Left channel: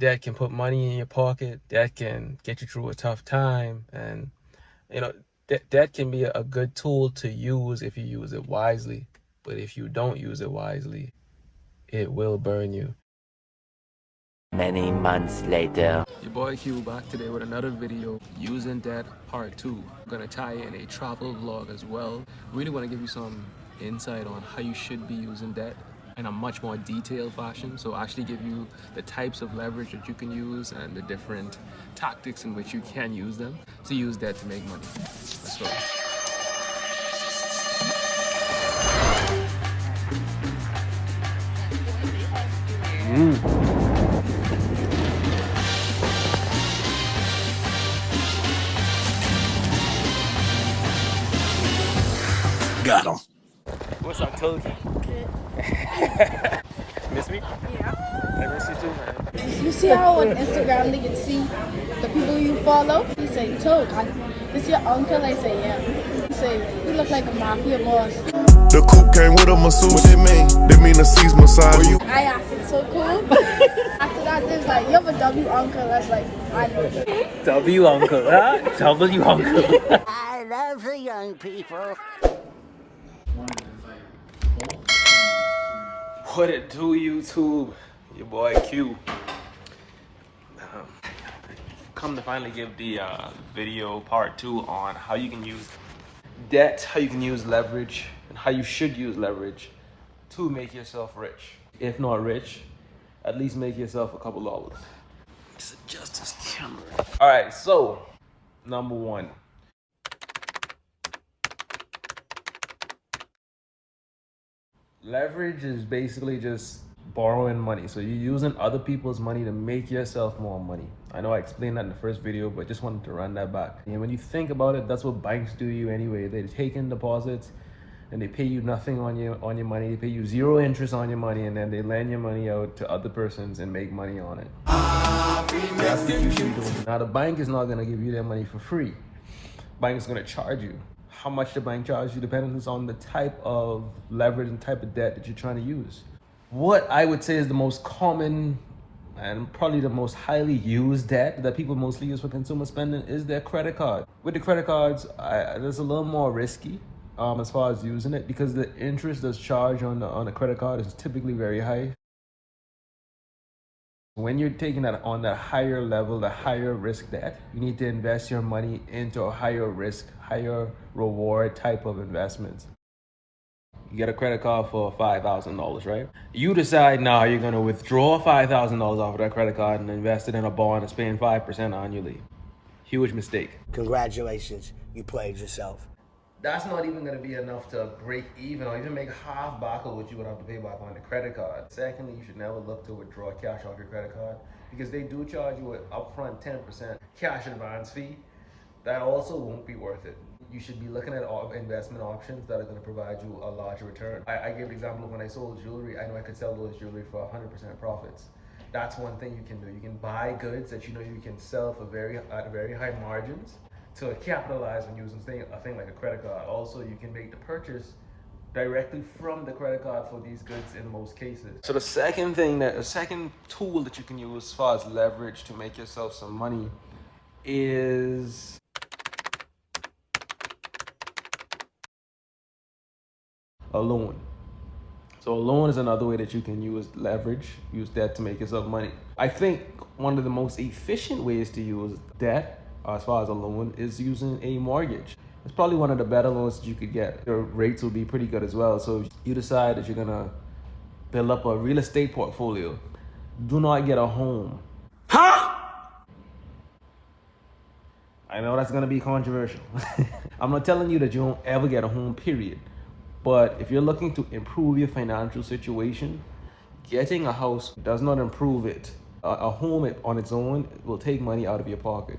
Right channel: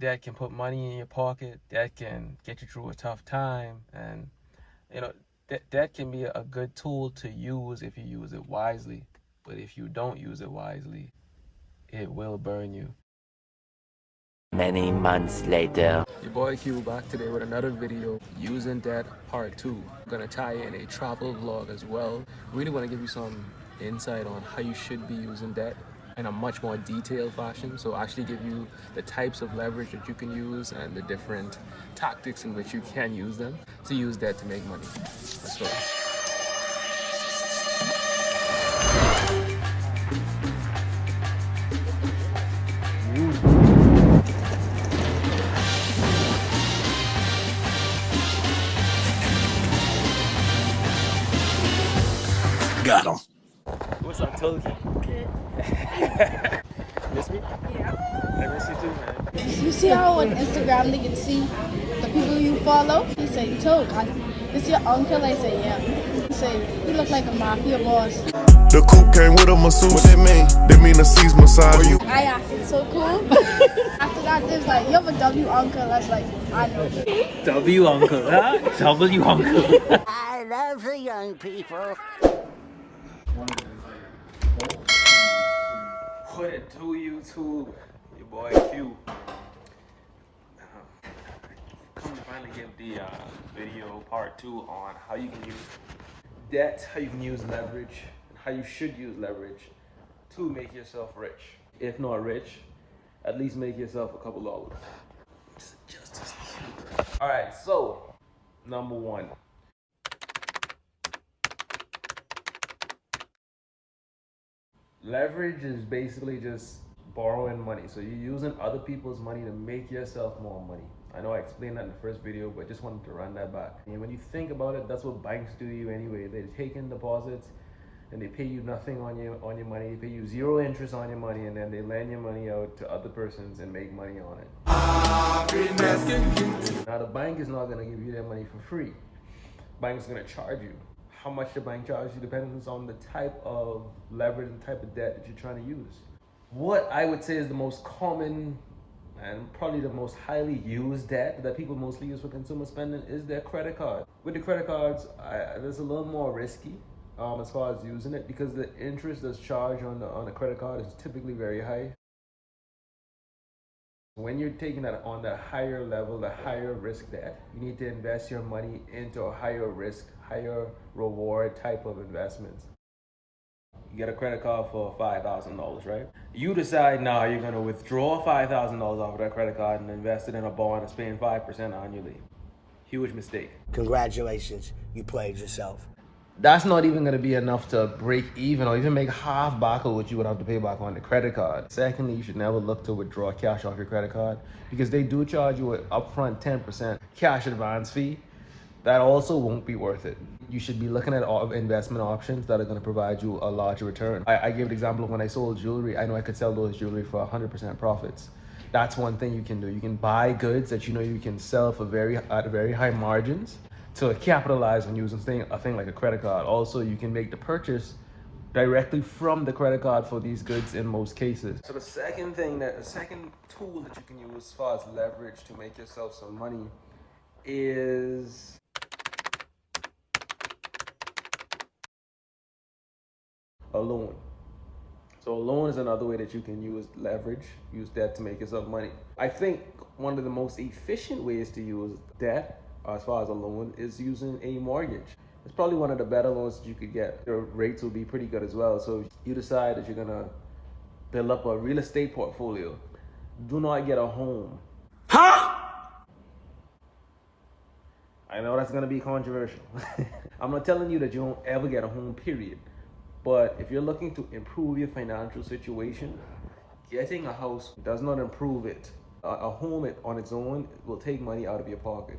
Debt can put money in your pocket. Debt can get you through a tough time. And, you know, debt can be a good tool to use if you use it wisely. But if you don't use it wisely, it will burn you. Many months later. Your boy Q back today with another video, using debt part 2. I'm gonna tie in a travel vlog as well. Really want to give you some insight on how you should be using debt in a much more detailed fashion. So actually give you the types of leverage that you can use and the different tactics in which you can use them to use debt to make money. Let's go. Got him. What's up, Toki? Miss me? Yeah. I miss you too, man. You see how on Instagram they can see the people you follow? He say, Toad, this your uncle? I say, yeah. He say, you look like a mafia boss. The coupe came with a masseuse. What that mean? That mean the C's massage you. I acted so cool. After that, they was like, you have a W uncle. I was like, I know. W uncle, huh? W uncle. I love the young people. What it do, YouTube? Your boy Q. Come to finally give the video part 2 on how you can use debt, how you can use leverage, and how you should use leverage to make yourself rich. If not rich, at least make yourself a couple dollars. Just adjust this camera. All right, so number 1. Leverage is basically just borrowing money. So you're using other people's money to make yourself more money. I know I explained that in the first video, but just wanted to run that back. And when you think about it, that's what banks do to you anyway. They take in deposits and they pay you nothing on your money. They pay you 0 interest on your money, and then they lend your money out to other persons and make money on it. Now the bank is not gonna give you their money for free. Bank is gonna charge you. How much the bank charges you depends on the type of leverage and type of debt that you're trying to use. What I would say is the most common and probably the most highly used debt that people mostly use for consumer spending is their credit card. With the credit cards, it's a little more risky as far as using it, because the interest that's charged on the credit card is typically very high. When you're taking that on that higher level, the higher risk debt, you need to invest your money into a higher risk, higher reward type of investments. You get a credit card for $5,000, right? You decide now you're gonna withdraw $5,000 off of that credit card and invest it in a bond that's paying 5% annually. Huge mistake. Congratulations, you played yourself. That's not even gonna be enough to break even or even make half back of what you would have to pay back on the credit card. Secondly, you should never look to withdraw cash off your credit card, because they do charge you an upfront 10% cash advance fee. That also won't be worth it. You should be looking at investment options that are going to provide you a larger return. I gave an example of when I sold jewelry. I know I could sell those jewelry for 100% profits. That's one thing you can do. You can buy goods that you know you can sell for at very high margins to capitalize on using a thing like a credit card. Also, you can make the purchase directly from the credit card for these goods in most cases. So the second tool that you can use as far as leverage to make yourself some money is a loan. So a loan is another way that you can use leverage, use debt to make yourself money. I think one of the most efficient ways to use debt as far as a loan is using a mortgage. It's probably one of the better loans that you could get. Your rates will be pretty good as well. So if you decide that you're gonna build up a real estate portfolio, do not get a home. Huh? I know that's gonna be controversial. I'm not telling you that you won't ever get a home, period. But if you're looking to improve your financial situation, getting a house does not improve it. A home on its own will take money out of your pocket.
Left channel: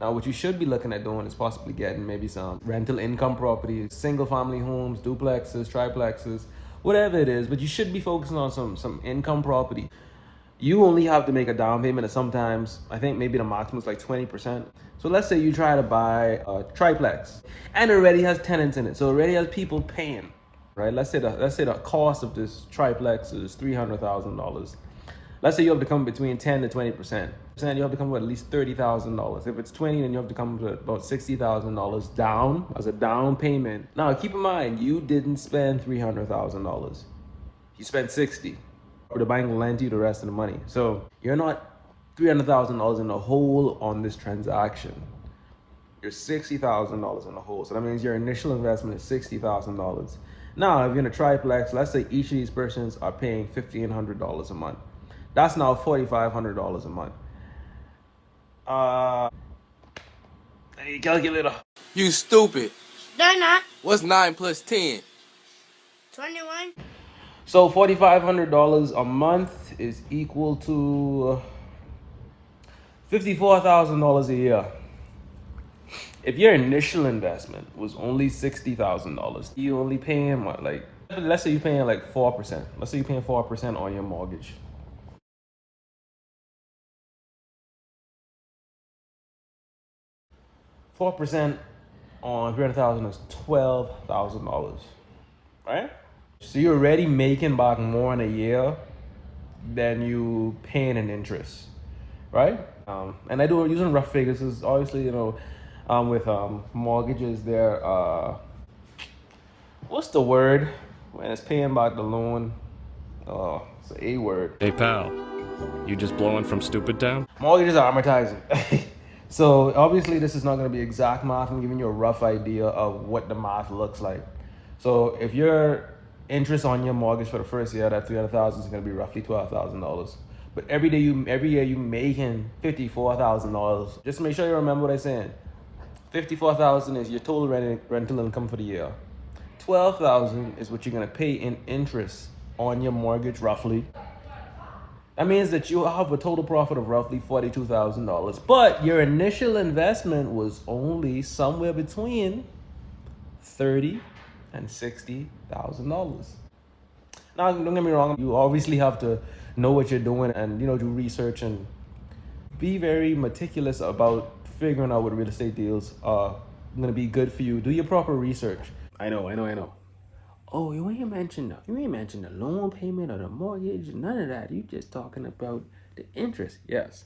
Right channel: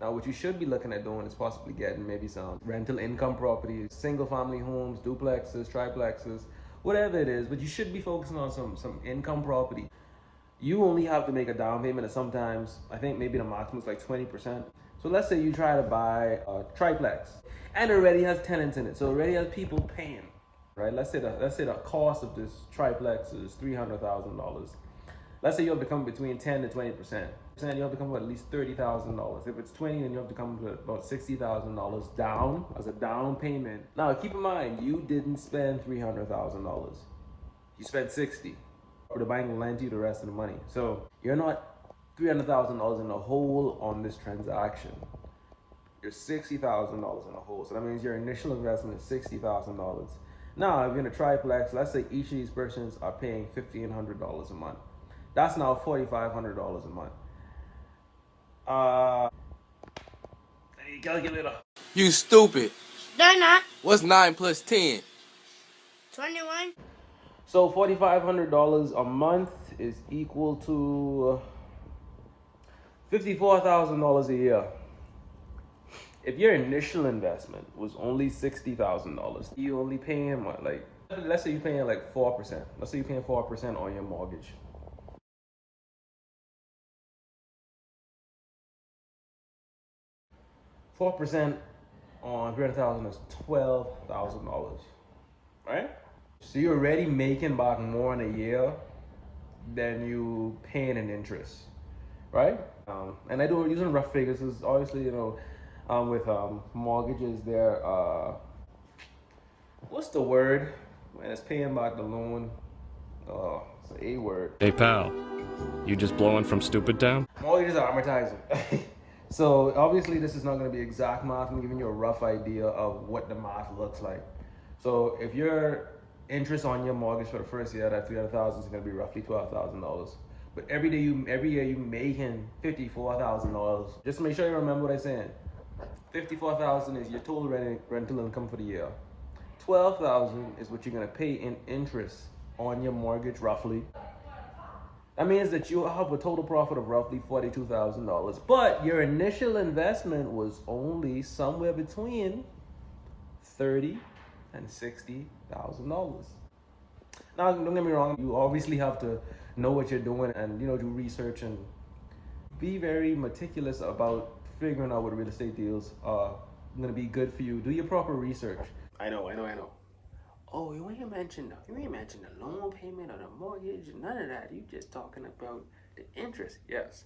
Now, what you should be looking at doing is possibly getting maybe some rental income properties, single family homes, duplexes, triplexes, whatever it is, but you should be focusing on some income property. You only have to make a down payment of sometimes, I think maybe the maximum is like 20%. So let's say you try to buy a triplex and it already has tenants in it. So it already has people paying, right? Let's say the cost of this triplex is $300,000. Let's say you have to come between 10 to 20%. You have to come with at least $30,000. If it's 20, then you have to come with about $60,000 down as a down payment. Now, keep in mind, you didn't spend $300,000. You spent 60. The bank will lend you the rest of the money. So you're not $300,000 in the hole on this transaction. You're $60,000 in the hole. So that means your initial investment is $60,000. Now, if you're in a triplex, let's say each of these persons are paying $1,500 a month. That's now $4,500 a month. Hey, calculator. You stupid. They're not. What's 9 plus 10? 21. So $4,500 a month is equal to $54,000 a year. If your initial investment was only $60,000, you only paying what, like, let's say you're paying like 4%. Let's say you're paying 4% on your mortgage. 4% on 300,000 is $12,000, right? So you're already making back more in a year than you paying in interest, right? And I do using rough figures is obviously, you know, with mortgages, there what's the word when it's paying back the loan? Oh, it's an A word. Hey pal, you just blowing from stupid town? Mortgages are amortizing. So obviously this is not going to be exact math. I'm giving you a rough idea of what the math looks like. So if your interest on your mortgage for the first year, that $300,000 is going to be roughly $12,000. But every year you making $54,000. Just make sure you remember what I'm saying. $54,000 is your total rental income for the year. $12,000 is what you're going to pay in interest on your mortgage roughly. That means that you have a total profit of roughly $42,000, but your initial investment was only somewhere between $30,000 and $60,000. Now, don't get me wrong, you obviously have to know what you're doing and, you know, do research and be very meticulous about figuring out what real estate deals are going to be good for you. Do your proper research. I know. Oh, you ain't mentioned the loan payment or the mortgage, none of that. You just talking about the interest. Yes.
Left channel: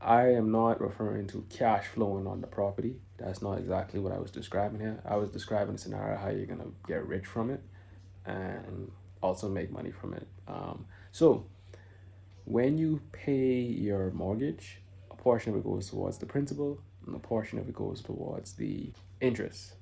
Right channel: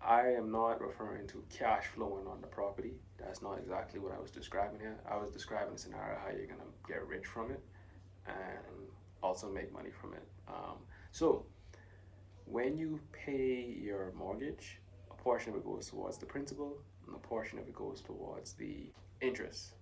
I am not referring to cash flowing on the property. That's not exactly what I was describing here. I was describing a scenario how you're gonna get rich from it and also make money from it. So when you pay your mortgage, a portion of it goes towards the principal and a portion of it goes towards the interest.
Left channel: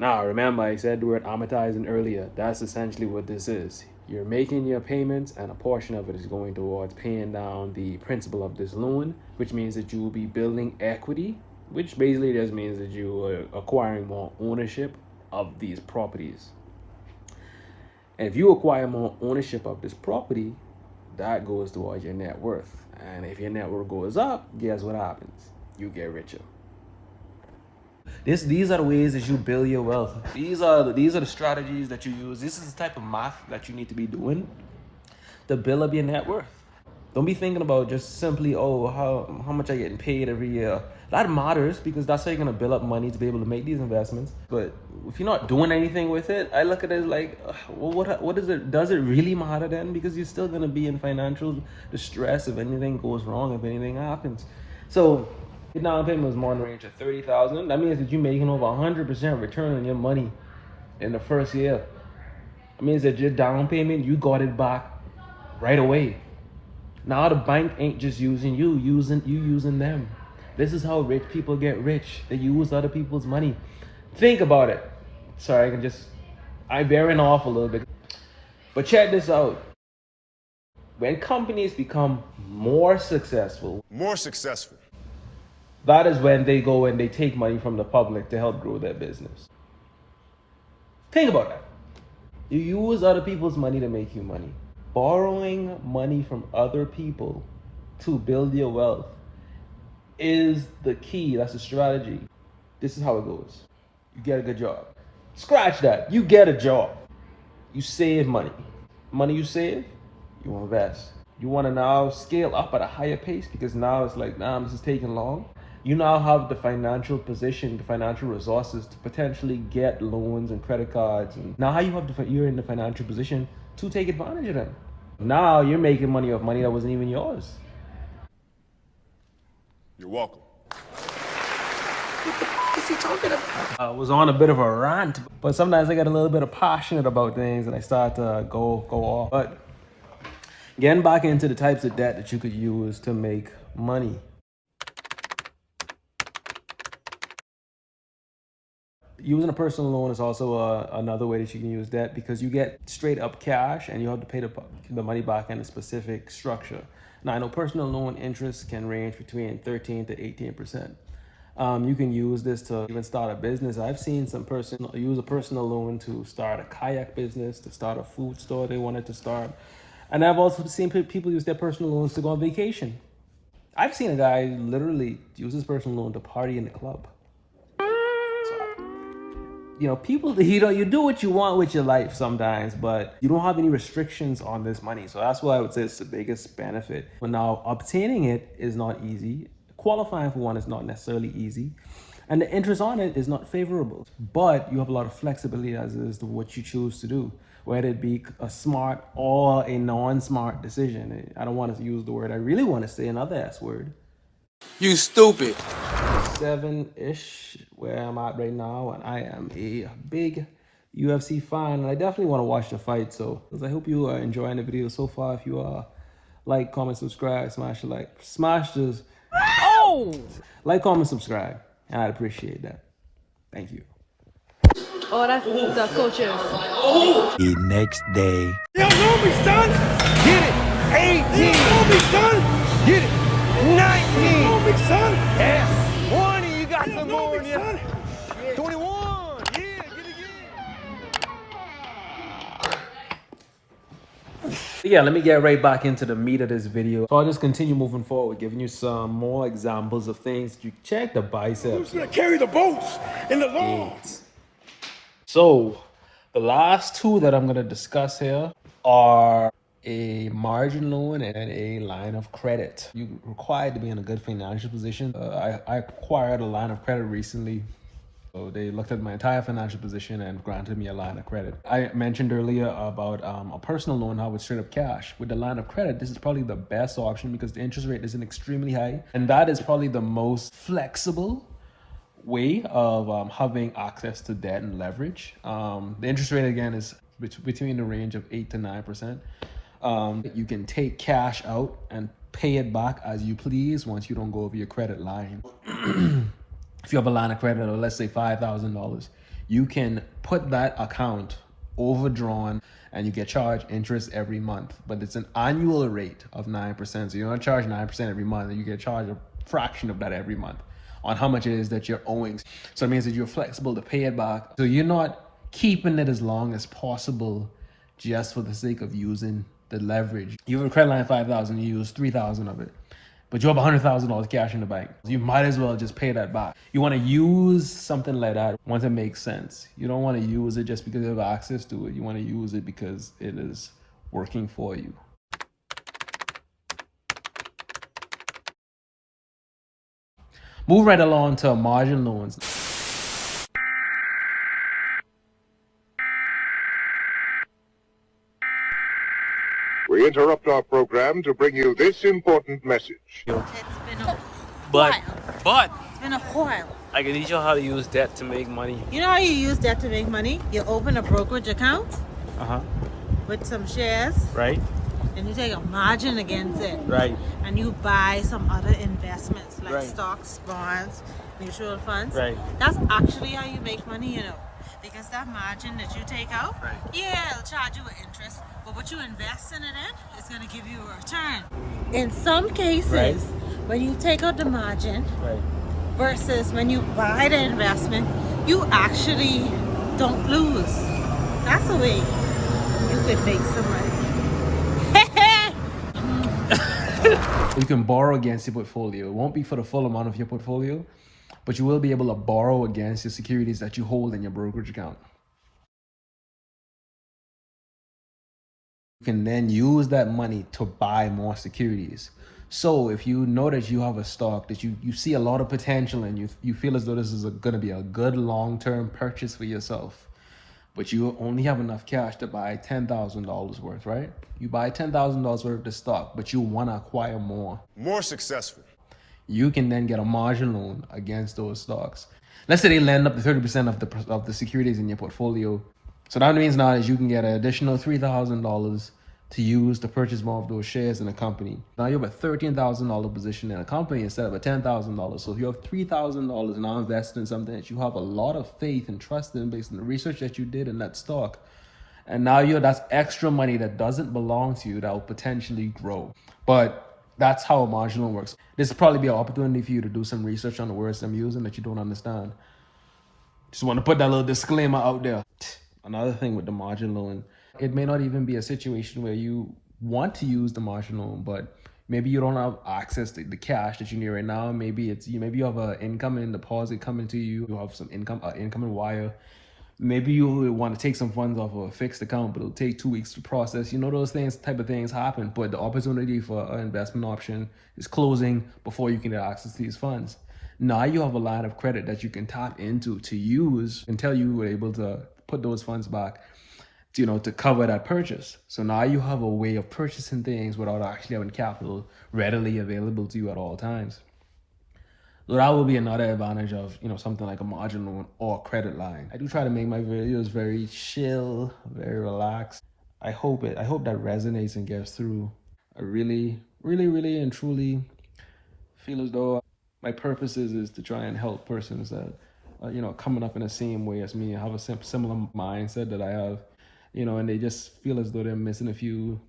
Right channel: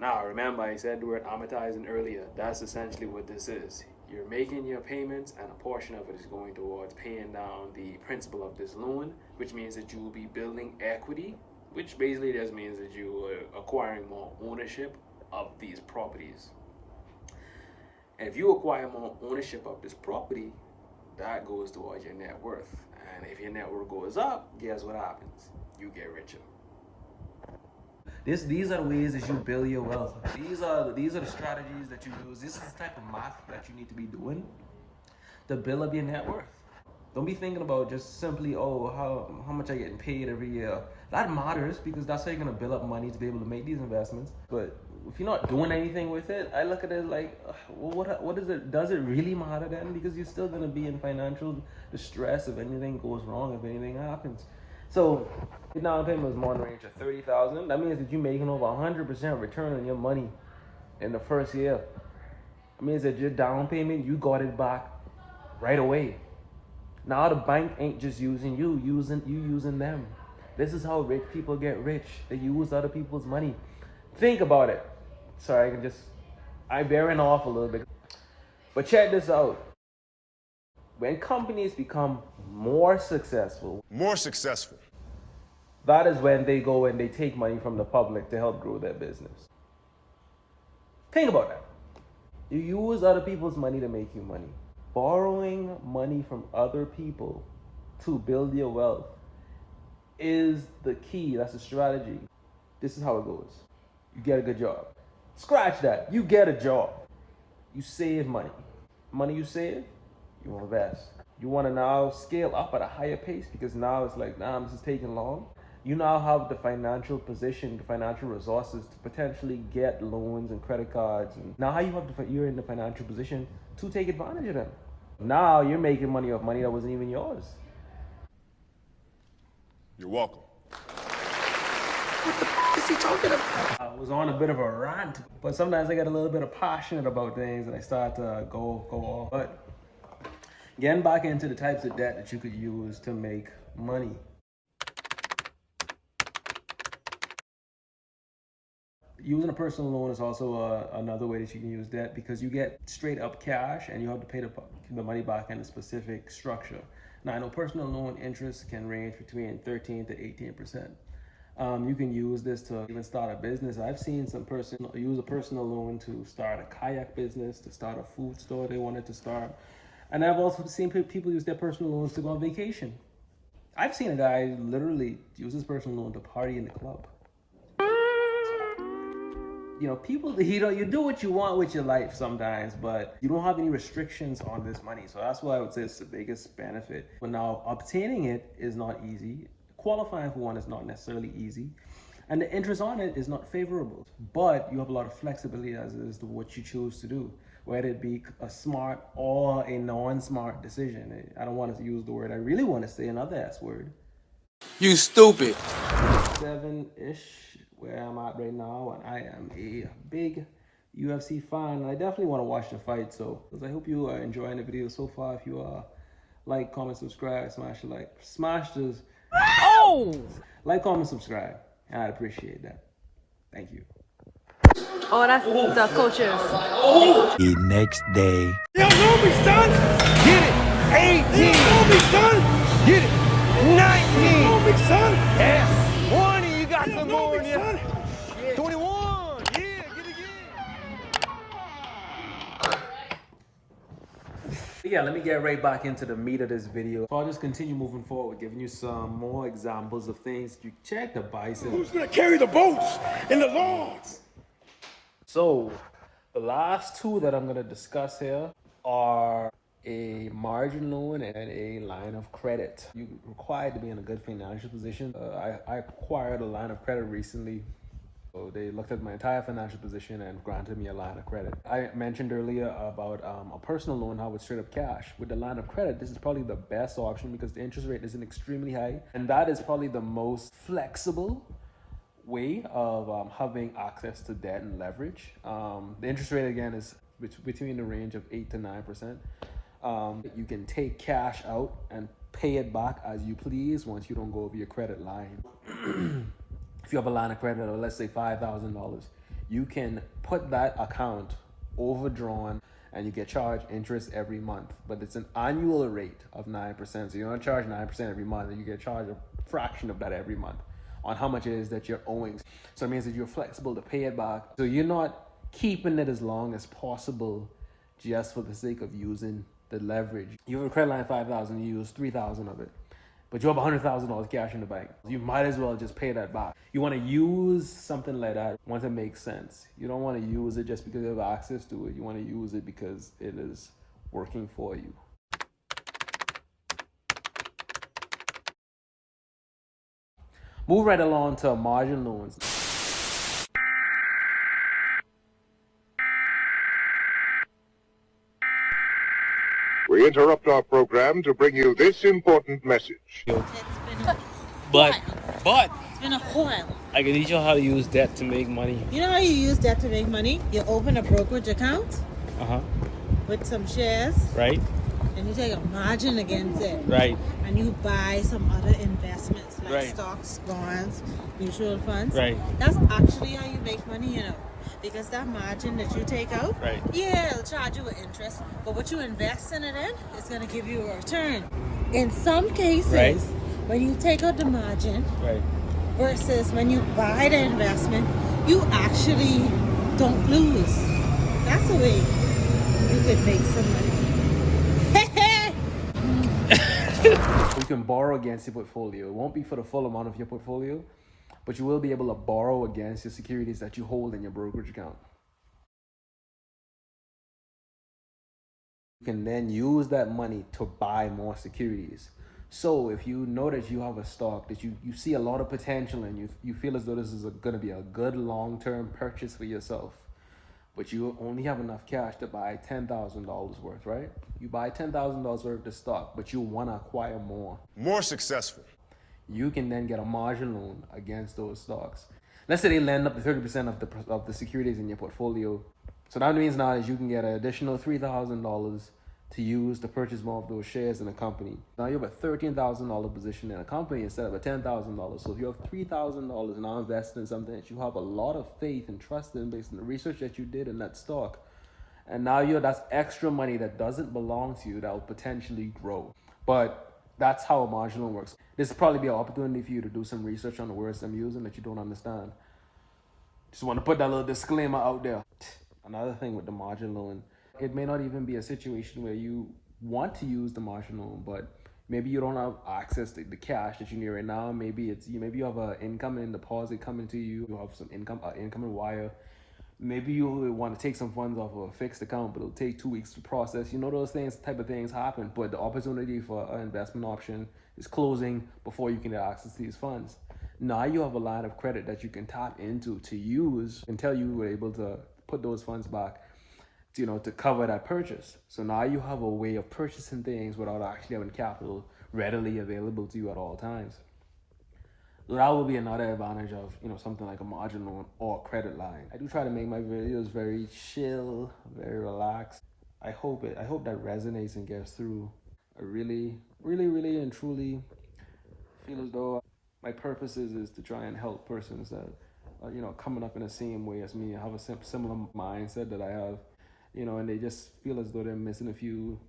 Now, remember, I said the word amortizing earlier. That's essentially what this is. You're making your payments, and a portion of it is going towards paying down the principal of this loan, which means that you will be building equity, which basically just means that you are acquiring more ownership of these properties. And if you acquire more ownership of this property, that goes towards your net worth. And if your net worth goes up, guess what happens? You get richer. These are the ways that you build your wealth. These are the strategies that you use. This is the type of math that you need to be doing to build up your net worth. Don't be thinking about just simply, oh, how much I getting paid every year. That matters because that's how you're gonna build up money to be able to make these investments. But if you're not doing anything with it, I look at it like, well, what is it? Does it really matter then? Because you're still gonna be in financial distress if anything goes wrong, if anything happens. So your down payment was more in the range of $30,000. That means that you're making over 100% return on your money in the first year. It means that your down payment, you got it back right away. Now the bank ain't just using you, using them. This is how rich people get rich. They use other people's money. Think about it. Sorry, I'm bearing off a little bit. But check this out. When companies become more successful, that is when they go and they take money from the public to help grow their business. Think about that. You use other people's money to make you money. Borrowing money from other people to build your wealth is the key. That's the strategy. This is how it goes. You get a good job. Scratch that. You get a job. You save money. Money you save, you invest. You want to now scale up at a higher pace because now it's like, nah, this is taking long. You now have the financial position, the financial resources to potentially get loans and credit cards. And now you're in the financial position to take advantage of them. Now you're making money off money that wasn't even yours. You're welcome. What is he talking about? I was on a bit of a rant, but sometimes I get a little bit of passionate about things and I start to go off. But getting back into the types of debt that you could use to make money. Using a personal loan is also another way that you can use debt, because you get straight up cash and you have to pay the money back in a specific structure. Now, I know personal loan interest can range between 13 to 18%. You can use this to even start a business. I've seen some person use a personal loan to start a kayak business, to start a food store they wanted to start. And I've also seen people use their personal loans to go on vacation. I've seen a guy literally use his personal loan to party in the club. You know, people, you do what you want with your life sometimes, but you don't have any restrictions on this money. So that's why I would say it's the biggest benefit. But now obtaining it is not easy. Qualifying for one is not necessarily easy. And the interest on it is not favorable. But you have a lot of flexibility as to what you choose to do, whether it be a smart or a non-smart decision. I don't want to use the word I really want to say, another S word. You stupid. 7-ish where I'm at right now, and I am a big UFC fan, and I definitely want to watch the fight. So I hope you are enjoying the video so far. If you are, like, comment, subscribe, smash the like, smash the like, comment, subscribe, and I'd appreciate that. Thank you. Oh, that's the coaches. The next day. You know me, son. Get it. 18. You know me, son. Get it. 19. You know me, son. Yeah. 20. You got some more in you. 21. Yeah, get it again. Yeah, let me get right back into the meat of this video. So I'll just continue moving forward, giving you some more examples of things. You check the biceps. Who's gonna carry the boats in the lawns? So the last two that I'm going to discuss here are a margin loan and a line of credit. You're required to be in a good financial position. I acquired a line of credit recently. So they looked at my entire financial position and granted me a line of credit. I mentioned earlier about a personal loan, how it's straight up cash. With the line of credit, this is probably the best option because the interest rate isn't extremely high. And that is probably the most flexible way of having access to debt and leverage. The interest rate, again, is between the range of 8 to 9%. You can take cash out and pay it back as you please once you don't go over your credit line. If you have a line of credit of, let's say, $5,000, you can put that account overdrawn and you get charged interest every month, but it's an annual rate of 9%. So you're not charged 9% every month, and you get charged a fraction of that every month on how much it is that you're owing. So it means that you're flexible to pay it back. So you're not keeping it as long as possible just for the sake of using the leverage. You have a credit line of 5,000, you use 3,000 of it, but you have $100,000 cash in the bank. You might as well just pay that back. You want to use something like that once it makes sense. You don't want to use it just because you have access to it. You want to use it because it is working for you. Move right along to margin loans. We interrupt our program to bring you this important message. It's been a But It's been a while. I can teach you how to use debt to make money. You know how you use that to make money? You open a brokerage account with some shares, Right? and you take a margin against it. Right. And you buy some other investments like Right. stocks, bonds, mutual funds. Right. That's actually how you make money, you know. Because that margin that you take out, Right. yeah, it'll charge you with interest, but what you invest in it in, it's going to give you a return. In some cases, Right. when you take out the margin Right. versus when you buy the investment, you actually don't lose. That's the way you could make some money. You can borrow against your portfolio. It won't be for the full amount of your portfolio, but you will be able to borrow against your securities that you hold in your brokerage account. You can then use that money to buy more securities. So if you know that you have a stock that you see a lot of potential in, you feel as though this is going to be a good long-term purchase for yourself, but you only have enough cash to buy $10,000 worth, right? You buy $10,000 worth of the stock, but you want to acquire more. More successful. You can then get a margin loan against those stocks. Let's say they lend up to 30% of the securities in your portfolio. So that means now is you can get an additional $3,000 to use to purchase more of those shares in a company. Now you have a $13,000 position in a company instead of a $10,000. So if you have $3,000 now invested in something that you have a lot of faith and trust in based on the research that you did in that stock, and now that's extra money that doesn't belong to you that will potentially grow. But that's how a margin loan works. This will probably be an opportunity for you to do some research on the words I'm using that you don't understand. Just want to put that little disclaimer out there. Another thing with the margin loan, it may not even be a situation where you want to use the margin loan, but maybe you don't have access to the cash that you need right now. Maybe you have an incoming deposit coming to you. You have some incoming wire. Maybe you want to take some funds off of a fixed account, but it'll take 2 weeks to process. Those type of things happen, but the opportunity for an investment option is closing before you can get access to these funds. Now you have a line of credit that you can tap into to use until you were able to put those funds back, to cover that purchase. So now you have a way of purchasing things without actually having capital readily available to you at all times. So that will be another advantage of, something like a margin loan or a credit line. I do try to make my videos very chill, very relaxed. I hope that resonates and gets through. I really, really, really and truly feel as though my purpose is to try and help persons that are, coming up in the same way as me, have a similar mindset that I have, and they just feel as though they're missing a few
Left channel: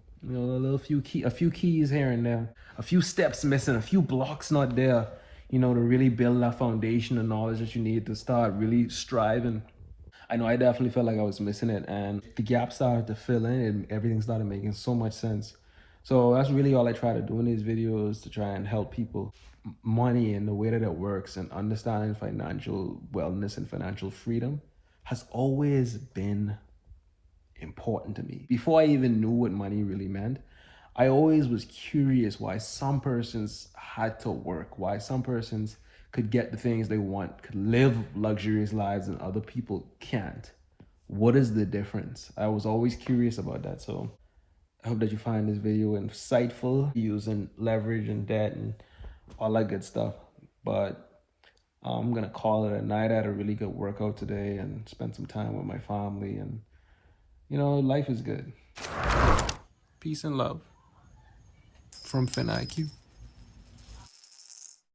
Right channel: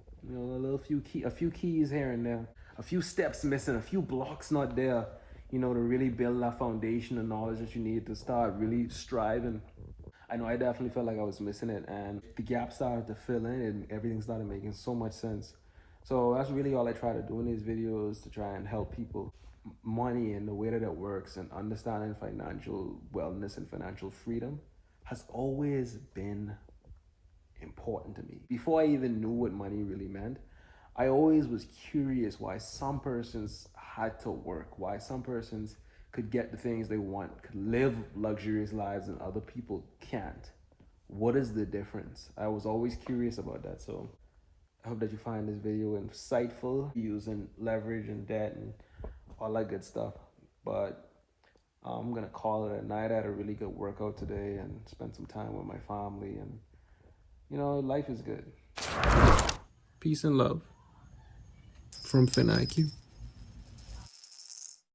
keys here and there, a few steps missing, a few blocks not there, to really build that foundation of knowledge that you need to start really striving. I know I definitely felt like I was missing it, and the gap started to fill in and everything started making so much sense. So that's really all I try to do in these videos, to try and help people. Money and the way that it works and understanding financial wellness and financial freedom has always been important to me. Before I even knew what money really meant, I always was curious why some persons had to work, why some persons could get the things they want, could live luxurious lives and other people can't. What is the difference? I was always curious about that. So I hope that you find this video insightful, using leverage and debt and all that good stuff. But I'm gonna call it a night. I had a really good workout today and spent some time with my family, and life is good. Peace and love from FinIQ.